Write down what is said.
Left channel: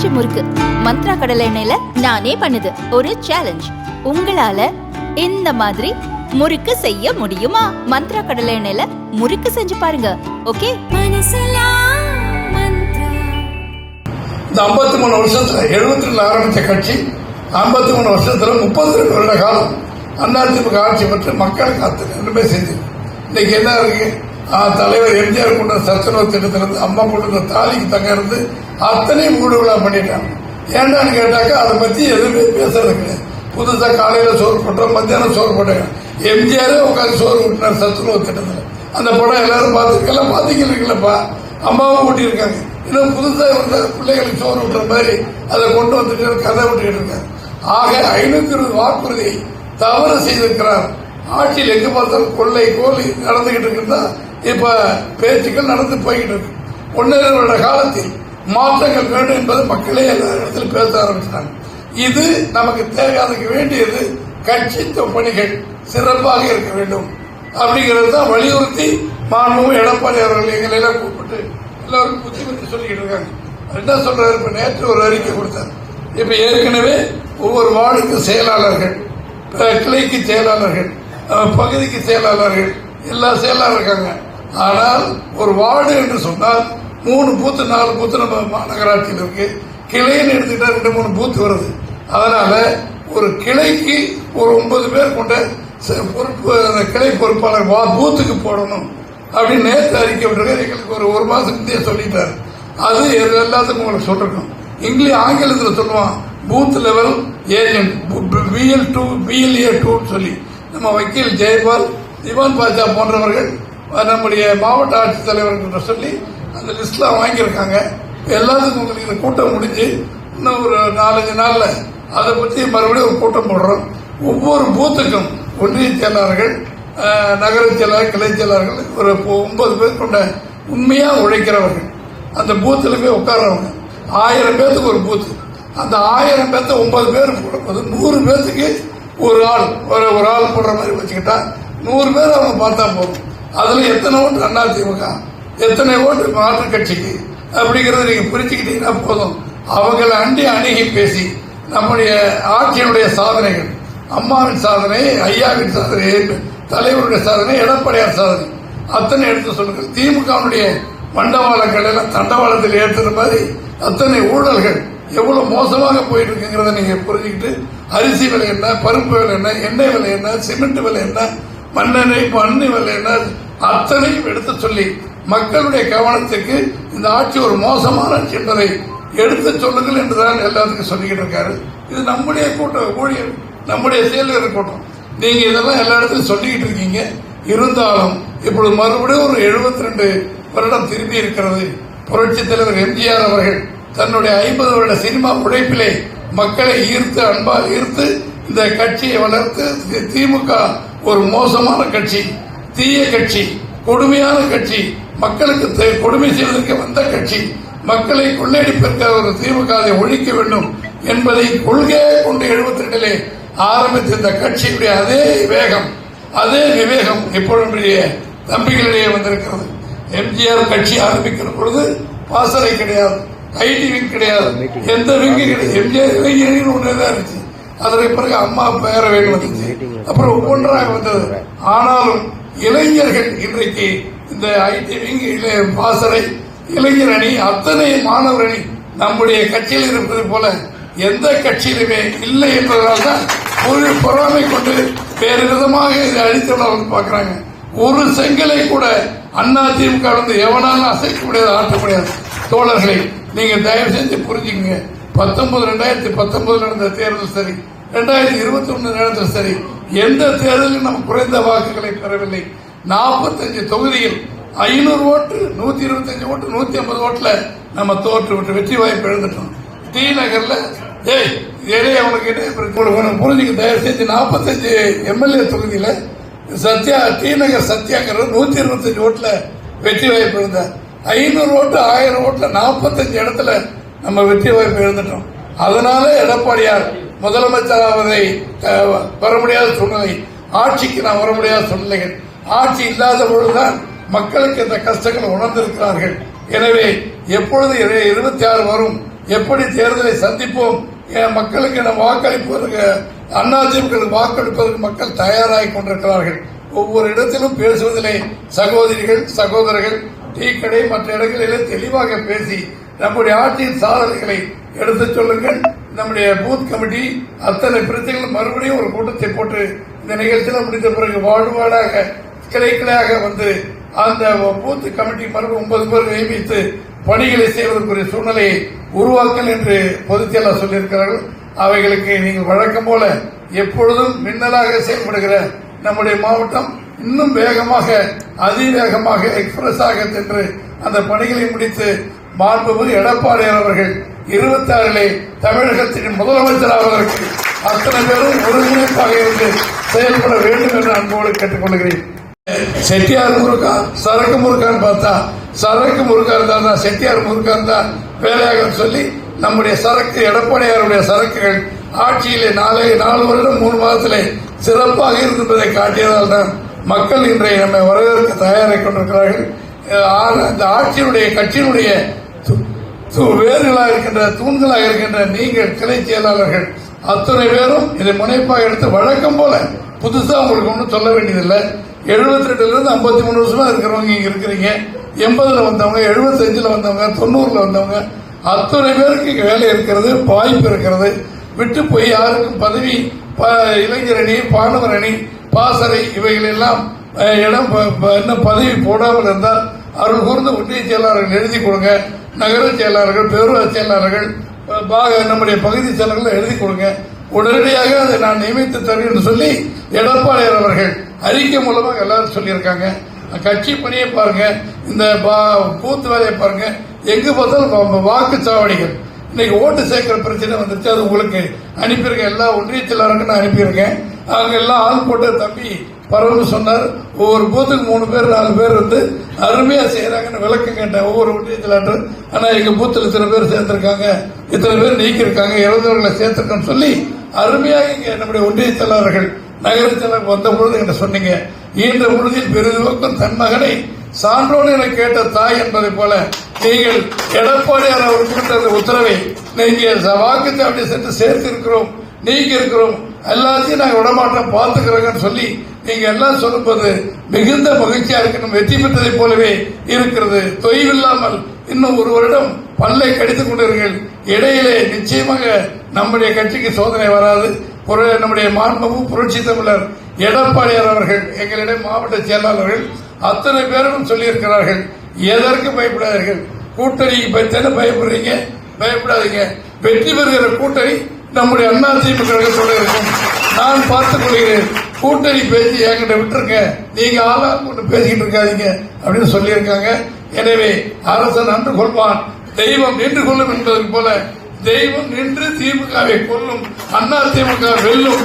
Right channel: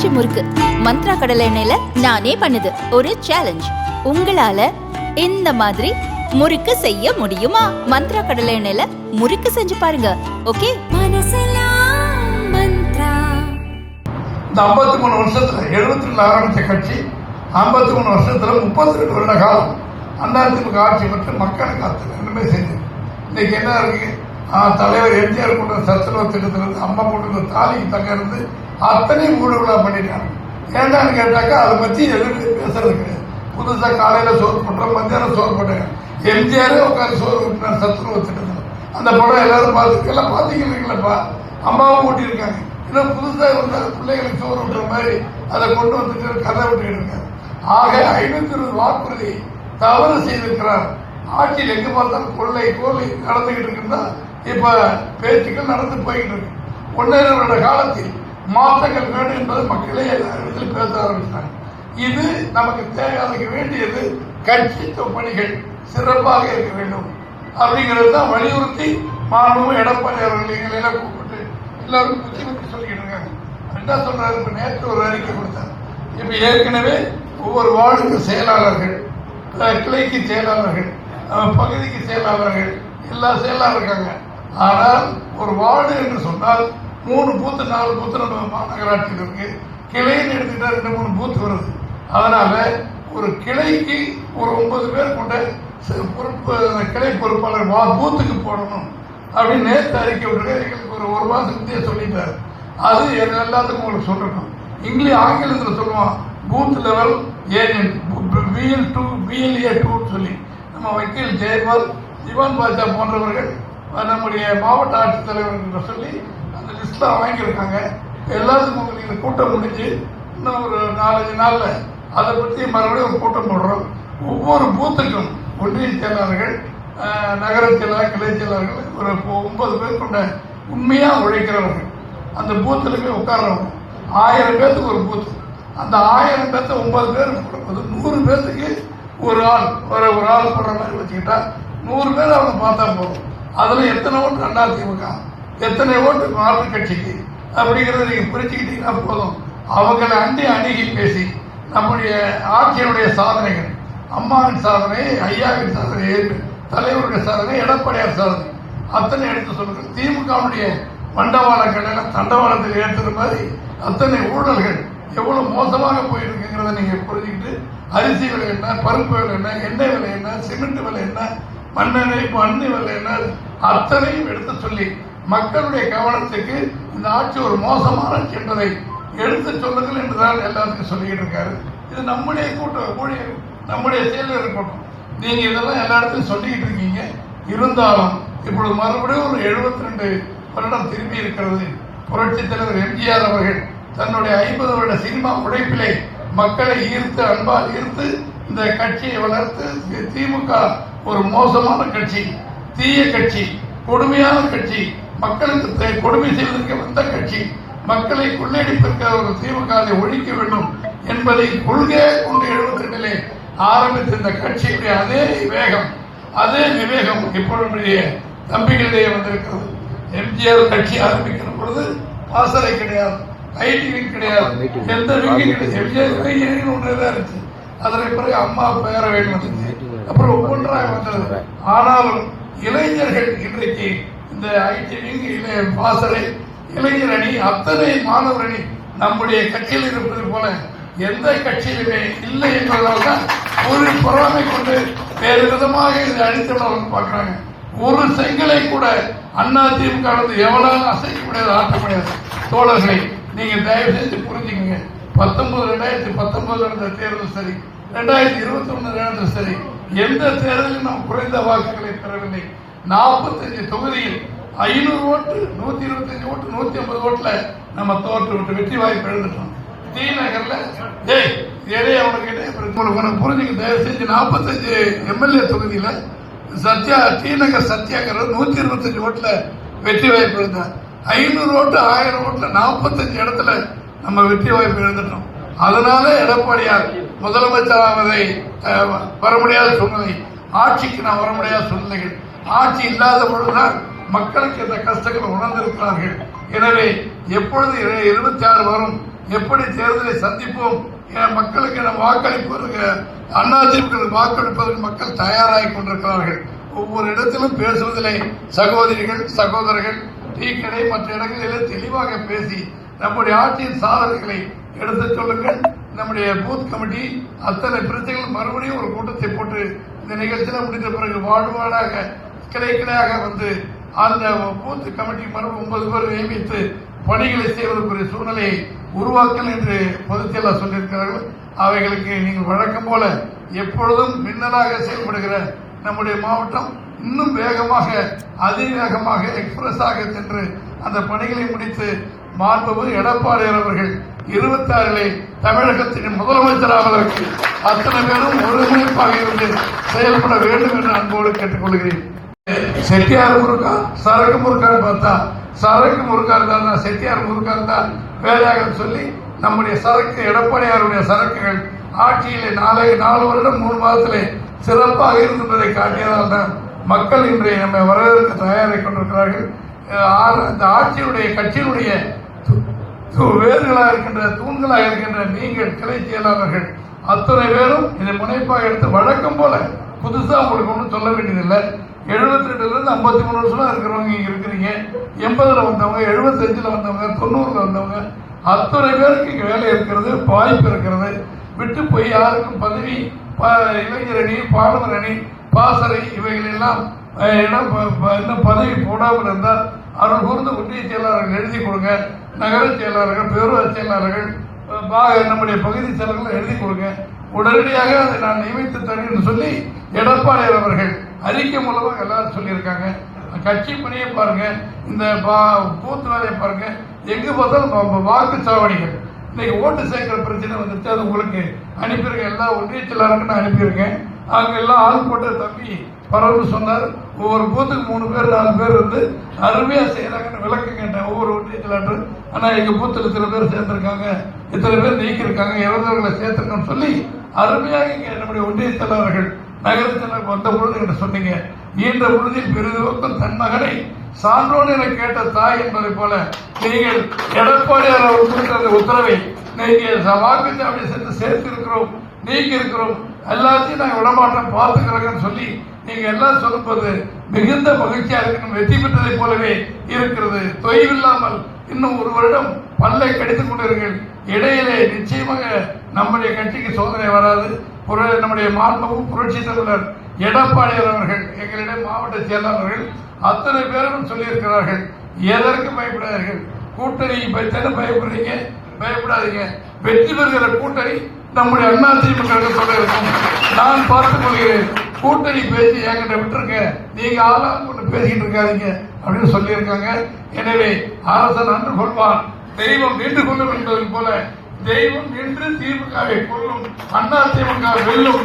ஆச்சி முறுக்கு மந்த்ரா கடலை எண்ணெயில நானே பண்ணுது. ஒரு சேலஞ்ச், உங்களால இந்த மாதிரி முறுக்கு செய்ய முடியுமா? மந்த்ரா கடலை எண்ணெயில முறுக்கு செஞ்சு பாருங்க. ஓகே. 53 வருஷத்துல 73 ஆரம்பிச்ச கட்சி 53 வருஷத்துல 32 வருட காலம் அதிமுக ஆட்சி பெற்று மக்களுக்கு அத்தனை செஞ்சு இன்னைக்கு என்ன இருக்கு? தலைவர் எம்ஜிஆர் கொண்ட சத்துணவு திட்டத்திலிருந்து அம்மா கொண்டு தாலிக்கு தங்க இருந்து அத்தனை மூடுகளா பண்ணிட்டாங்க. ஏன்னான்னு கேட்டாக்கா அதை பத்தி எதுவுமே பேசுறது கிடையாது. புதுசா காலையில சோறு போட்டோம், மத்தியானம் சோறு போட்டாங்க. எம்ஜிஆரே உட்காந்து சோறு ஊட்டினார் சத்துணவு திட்டத்தில். அந்த படம் எல்லாரும் பார்த்துக்கலாம். பார்த்தீங்களா? அம்மாவும் ஊட்டியிருக்காங்க. இன்னும் புதுசாக இருந்த பிள்ளைகளுக்கு சோறு விட்டுற மாதிரி அதை கொண்டு வந்துட்டு கதை விட்டுக்கிட்டு இருக்காரு. ஆக 520 வாக்குறுதியை தவறு செய்திருக்கிறார். ஆட்சியில் எங்க பார்த்தாலும் கொள்ளை கோலி நடந்துகிட்டு இருக்குன்னா இப்ப பேச்சுக்கள் நடந்து போய்கிட்டு இருக்கு. 1.5 வருட காலத்தில் மாற்றங்கள் வேண்டும் என்பது மக்களே எல்லா இடத்திலும் பேச ஆரம்பிச்சிட்டாங்க. இது நமக்கு தேவையானதுக்கு வேண்டியது கட்சி பணிகள் சிறப்பாக இருக்க வேண்டும் அப்படிங்கிறது தான் வலியுறுத்தி மாண்புமிகு எடப்பாடி அவர்கள் எங்களை எல்லாம் கூப்பிட்டு எல்லாரும் புத்தி பத்தி சொல்லிக்கிட்டு இருக்காங்க. என்ன சொல்றாரு? இப்ப நேற்று ஒரு அறிக்கை கொடுத்தார். இப்ப ஏற்கனவே ஒவ்வொரு வார்டுக்கு செயலாளர்கள், கிளைக்கு செயலாளர்கள், பகுதிக்கு செயலாளர்கள், எல்லா செயலாளர் இருக்காங்க. ஆனால் ஒரு வார்டு என்று சொன்னால் 3 பூத்து 4 பூத்து நம்ம மாநகராட்சியில் இருக்கு. கிளைன்னு எடுத்துக்கிட்டா 2-3 பூத்து வருது. அதனால ஒரு கிளைக்கு ஒரு 9 பேர் கொண்ட பொறுப்பு, அந்த கிளை பொறுப்பாளர் பூத்துக்கு போடணும் அப்படின்னு நேற்று அறிக்கை விட்டுருக்காரு. எங்களுக்கு ஒரு மாசம் முந்தைய சொல்லிட்டாரு. அது எல்லாத்துக்கும் உங்களுக்கு சொல்லிருக்கணும். ஆங்கிலத்தில் சொல்லுவான் booth level agent, BL2 BLA2 சொல்லி நம்ம வக்கீல் ஜெயபால், திவான் பாஜா போன்றவர்கள் நம்முடைய மாவட்ட ஆட்சித்தலைவர்கள் சொல்லி அந்த லிஸ்ட்ல வாங்கியிருக்காங்க. எல்லாத்துக்கும் உங்களுக்கு இந்த கூட்டம் முடிஞ்சு இன்னும் ஒரு 4-5 நாள்ல அதை பற்றி மறுபடியும் ஒரு கூட்டம் போடுறோம். ஒவ்வொரு பூத்துக்கும் ஒன்றிய செயலாளர்கள், நகர செயலாளர், கிளை செயலாளர்கள் ஒரு 9 பேர் கொண்ட உண்மையா உழைக்கிறவர்கள் அந்த பூத்துல போய் உட்கார்றவங்க. 1000 பேருக்கு ஒரு பூத்து. அந்த 1000 பேர்த்த 9 பேருக்கு கொடுப்பது 100 பேர்த்துக்கு ஒரு ஆள் போடுற மாதிரி வச்சுக்கிட்டா 100 பேர் அவங்க பார்த்தா போதும். அதுல எத்தனை ஓட்டு அதிமுக, எத்தனை ஓட்டு மாற்றுக் கட்சிக்கு அப்படிங்கறத நீங்க புரிஞ்சுக்கிட்டீங்கன்னா போதும். அவங்களை அணுகி பேசி நம்முடைய ஆட்சியினுடைய சாதனைகள், அம்மாவின் சாதனை, ஐயாவின் சாதனை, தலைவருடைய சாதனை, எடப்பாடியார் சாதனை அத்தனை எடுத்து சொல்லுங்க. திமுகவுடைய மண்டவாளங்கள் எல்லாம் தண்டவாளத்தில் ஏற்றுற மாதிரி அத்தனை ஊழல்கள் எவ்வளவு மோசமாக போயிட்டு இருக்குங்கிறத நீங்க புரிஞ்சுக்கிட்டு அரிசி விலை என்ன, பருப்பு விலை என்ன, எண்ணெய் விலை என்ன, சிமெண்ட் விலை என்ன, மண்ணெண்ணெய் விலை என்ன அத்தனையும் எடுத்து சொல்லி மக்களுடைய கவனத்துக்கு இந்த ஆட்சி ஒரு மோசமான ஆட்சி என்பதை எடுத்து சொல்லுங்கள் என்றுதான் எல்லாத்துக்கும் சொல்லிக்கிட்டு இருக்காரு. இது நம்முடைய கூட்டம், ஊழியர், நம்முடைய செயலர் கூட்டம். நீங்க இதெல்லாம் எல்லா இடத்துலையும் சொல்லிக்கிட்டு இருக்கீங்க. இருந்தாலும் இப்பொழுது மறுபடியும் ஒரு 72 வருடம் திரும்பி இருக்கிறது. புரட்சி தலைவர் எம்ஜிஆர் அவர்கள் தன்னுடைய 50 வருட சினிமா உழைப்பிலே மக்களை ஈர்த்து, அன்பால் ஈர்த்து இந்த கட்சியை வளர்த்து, திமுக ஒரு மோசமான கட்சி, தீய கட்சி, கொடுமையான கட்சி, மக்களுக்கு கொடுமை செய்வதற்கு வந்த கட்சி, மக்களை கொள்ளையடிப்பிருக்கிற ஒரு திமுக அதை ஒழிக்க வேண்டும் என்பதை கொள்கையாக கொண்டு 72 ஆரம்பித்த இந்த கட்சியுடைய அதே வேகம், அதே விவேகம் இப்பொழுது தம்பிகளிடையே வந்திருக்கிறது. எம்ஜிஆர் கட்சி ஆரம்பிக்கிற பொழுது பாசறை கிடையாது, ஐடி விங் கிடையாது, எந்த விங்கு கிடையாது. எம்ஜிஆர் ஒன்றுதான் இருந்துச்சு. அதற்கு பிறகு அம்மா பேரவைகள் வந்துச்சு, அப்புறம் ஒவ்வொன்றாக வந்தது. ஆனாலும் இளைஞர்கள் இன்றைக்கு இந்த ஐடி விங், பாசறை, இளைஞர் அணி, அத்தனை மாணவர் அணி நம்முடைய கட்சியில் இருப்பது போல எந்த கட்சியிலுமே இல்லை என்பதனால்தான் ஒரு பொருளாமை கொண்டு வேறு விதமாக இதை அடித்துள்ளவர்கள் பார்க்கிறாங்க. ஒரு செங்கலை கூட அதிமுக வந்து எவனாலும் அசைக்க முடியாது, ஆட்ட முடியாது. தோழர்களை நீங்க தயவு செஞ்சு புரிஞ்சுக்கங்க. 2019 நடந்த தேர்தல் சரி, 2021 நடந்த சரி, எந்த தேர்தலில் நாம் குறைந்த வாக்குகளை பெறவில்லை. 45 தொகுதியில் 500 ஓட்டு, 125 ஓட்டு, 150 ஓட்டுல நம்ம தோற்று விட்டு வெற்றி வாய்ப்பு எழுந்துட்டோம். டி நகர்ல புரிஞ்சுக்க தயவு செஞ்சு 45 எம்எல்ஏ தொகுதியில சத்யா, டி நகர் சத்யாங்கிறது 125 ஓட்டுல வெற்றி வாய்ப்பு எழுந்தார். 500 ஓட்டு, 1000 ஓட்டுல 45 இடத்துல நம்ம வெற்றி வாய்ப்பு எழுந்துட்டோம். அதனால எடப்பாடியார் முதலமைச்சராவதை வர முடியாத சூழ்நிலை, ஆட்சிக்கு நான் வர முடியாத சூழ்நிலைகள், ஆட்சி இல்லாத பொழுதுதான் மக்களுக்கு இந்த கஷ்டங்கள் உணர்ந்திருக்கிறார்கள். எனவே எப்பொழுது 26 வரும் எப்படி தேர்தலை சந்திப்போம், மக்களுக்கு நம்ம வாக்களிப்பதற்கு அதிமுக வாக்களிப்பதற்கு மக்கள் தயாராகி கொண்டிருக்கிறார்கள். ஒவ்வொரு இடத்திலும் பேசுவதிலே சகோதரிகள் சகோதரர்கள் டீ கடை மற்ற இடங்களிலே தெளிவாக பேசி நம்முடைய ஆட்சியின் சாதனைகளை எடுத்துச் சொல்லுங்கள். நம்முடைய பூத் கமிட்டி அத்தனை பிரச்சனைகளும் மறுபடியும் ஒரு கூட்டத்தை போட்டு இந்த நிகழ்ச்சியில் முடிந்த பிறகு வாழ்வாடாக கிளைக்கிளையாக வந்து அந்த பூத் கமிட்டி மறுபடியும் 9 பேர் நியமித்து பணிகளை செய்வதற்குரிய சூழ்நிலையை உருவாக்கல் என்று பொதுச் செயலாளர் சொல்லியிருக்கிறார்கள். அவைகளுக்கு நீங்கள் வழக்கம் போல எப்பொழுதும் மின்னலாக செயல்படுகிற நம்முடைய மாவட்டம் இன்னும் வேகமாக அதிவேகமாக எக்ஸ்பிரஸாக சென்று அந்த பணிகளை முடித்து மாண்புமிகு எடப்பாடியார் அவர்கள் 26 தமிழகத்தின் முதலமைச்சராவதற்கு அத்தனை பேரும் ஒருங்கிணைப்பாக இருந்து செயல்பட வேண்டும் என்று அன்போடு கேட்டுக்கொள்கிறேன். செட்டியார் முருகா சரக்கு முருகான்னு பார்த்தா சரக்கு முருகா இருந்தா செட்டியார் முருகா இருந்தா வேலையாக சொல்லி நம்முடைய சரக்கு எடப்பாடியாருடைய சரக்குகள் ஆட்சியிலே 4 வருடம் 3 மாதத்திலே சிறப்பாக இருந்ததை காட்டியதால் தான் மக்கள் இன்றைய நம்மை வரவேற்க தயாராக கொண்டிருக்கிறார்கள். இந்த ஆட்சியினுடைய கட்சியினுடைய வேர்களாக இருக்கின்ற தூண்களாக இருக்கின்ற நீங்கள் கிளை செயலாளர்கள் அத்தனை பேரும் இதை முனைப்பாக எடுத்து வழக்கம் போல புதுசா உங்களுக்கு ஒன்றும் சொல்ல வேண்டியதில்லை. 72 53 வருஷமா இருக்கிறவங்க இங்க இருக்கிறீங்க. 80 வந்தவங்க 75 வந்தவங்க 90 வந்தவங்க அத்தனை பேருக்கு இங்க வேலை இருக்கிறது, வாய்ப்பு இருக்கிறது. விட்டு போய் யாருக்கும் பதவி இளைஞர் அணி பாணவர் அணி பாசறை இவைகள் எல்லாம் இடம் இன்னும் பதவி போடாமல் இருந்தால் அவர்கள் கூர்ந்த ஒன்றிய செயலாளர்கள் எழுதி கொடுங்க, நகர செயலாளர்கள் பேரூராட்சி செயலாளர்கள் நம்முடைய பகுதி செயலாளர்கள் எழுதி கொடுங்க, உடனடியாக அதை நான் நியமித்து தரேன் என்று சொல்லி எடப்பாடியார் அவர்கள் அறிக்கை மூலமாக எல்லாரும் சொல்லியிருக்காங்க. கட்சி பணியை பாருங்க, இந்த கூத்து வேலையை பாருங்க, எங்க பார்த்தாலும் வாக்குச்சாவடிகள். இன்னைக்கு ஓட்டு சேர்க்கிற பிரச்சனை வந்துருச்சு, அது உங்களுக்கு அனுப்பியிருக்கேன். எல்லா ஒன்றிய செயலாளருக்கும் நான் அனுப்பியிருக்கேன். அங்க எல்லாம் ஆள் போட்ட தம்பி பரவல் சொன்னார். ஒவ்வொரு பூத்துக்கு 3 பேர் 4 பேர் வந்து அருமையா செய்யறாங்கன்னு விளக்கம் கேட்டேன் ஒவ்வொரு ஒன்றிய செயலாளர். ஆனா எங்க பூத்துல இத்தனை பேர் சேர்த்திருக்காங்க, இத்தனை பேர் நீக்கிருக்காங்க, இறந்தவர்களை சேர்த்திருக்கோம்னு சொல்லி அருமையாக இங்க நம்முடைய ஒன்றிய செயலாளர்கள் நகர செயலாளர் வந்த பொழுது என்ற சொன்னீங்க. ஈன்ற பொழுதில் பெரிதுவக்கும் தன் மகனை சான்றோடு என கேட்ட தாய் என்பதை போல நீங்கள் எடப்பாடியார் அவர் கொடுத்த அந்த உத்தரவை நீங்க வாக்குச்சாவடி சென்று சேர்த்து இருக்கிறோம், நீங்க இருக்கிறோம், எல்லாத்தையும் நாங்கள் விடமாட்டோம் பார்த்துக்கிறோங்கன்னு சொல்லி நீங்க எல்லாம் சொல்லும்போது மிகுந்த மகிழ்ச்சியா இருக்கணும். வெற்றி பெற்றதை போலவே இருக்கிறது. தொய்வில்லாமல் இன்னும் 1 வருடம் பல்லை கடித்துக் கொண்டிருங்கள். இடையிலே நிச்சயமாக நம்முடைய கட்சிக்கு சோதனை வராது. நம்முடைய மாண்புமிகு புரட்சி தமிழர் எடப்பாடியார் அவர்கள் எங்களிடம் மாவட்ட செயலாளர்கள் அத்தனை பேரும் சொல்லியிருக்கிறார்கள். எதற்கு பயப்படாதீர்கள், கூட்டணி பற்றி பயப்படுறீங்க, பயப்படாதீங்க. வெற்றி பெறுகிற கூட்டணி நம்முடைய அதிமுக சொல்லியிருக்கோம். நான் பார்த்துக் கொள்கிறேன். கூட்டணி பேசி என்கிட்ட விட்டுருங்க, நீங்க ஆளால் கொண்டு பேசிக்கிட்டு இருக்காதீங்க அப்படின்னு சொல்லியிருக்காங்க. எனவே அரசன் அன்று கொள்வான், தெய்வம் நின்று கொள்ளும் என்பதற்கு போல தெய்வம் நின்று திமுகவை கொள்ளும், அதிமுக வெல்லும்.